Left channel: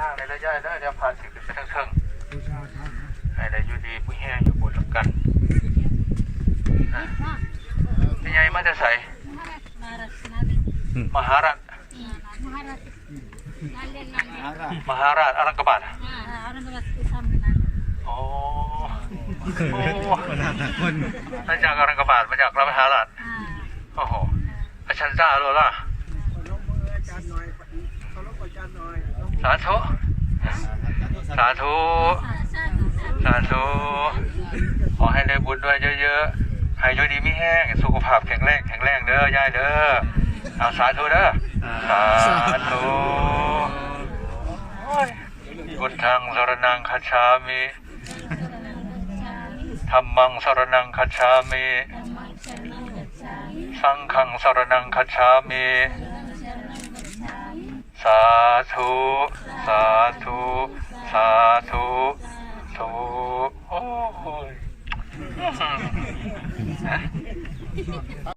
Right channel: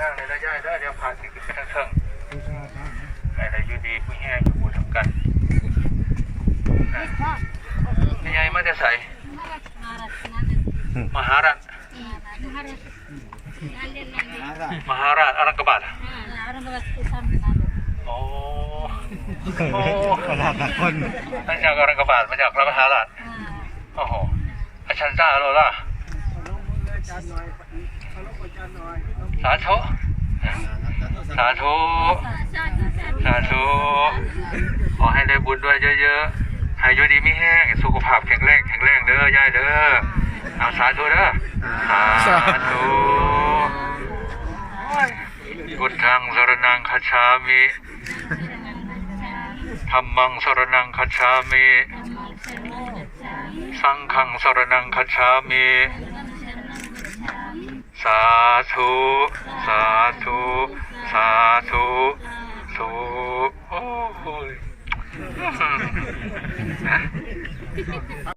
ทางในระยะได้เดี๋ยวผ่านสิขึ้นไปทั้งเทิงบูชาทางนะให้ได้อยู่ดีผู้แห้งอยู่บูสำคัญอะนี่ไงมาจะใส่มหารัฐมหาราชอรังกบาทโอ้โอ้ตลาดหลายคนมาจากอรังกบาทมาจากพระมหาราชโอ้โหอาชันซ่าโลล่ะข อาจารย์หน่อยขอลงอาจารย์หน่อยสาธุสาธุสาธุขอให้ได้บุญด้วยเยอะๆให้อยู่ดีไม่แห้งสุขภาพแข็งแรงแข็งแรงเด้อย่ายเด้อเอาสาธุเด้อสาธุพุทธังสรนังคัจฉามิธรรมังสรนังคัจฉามิ สังฆังสรนังคัจฉามิ สาธุ สาธุ สาธุสุโอ้ย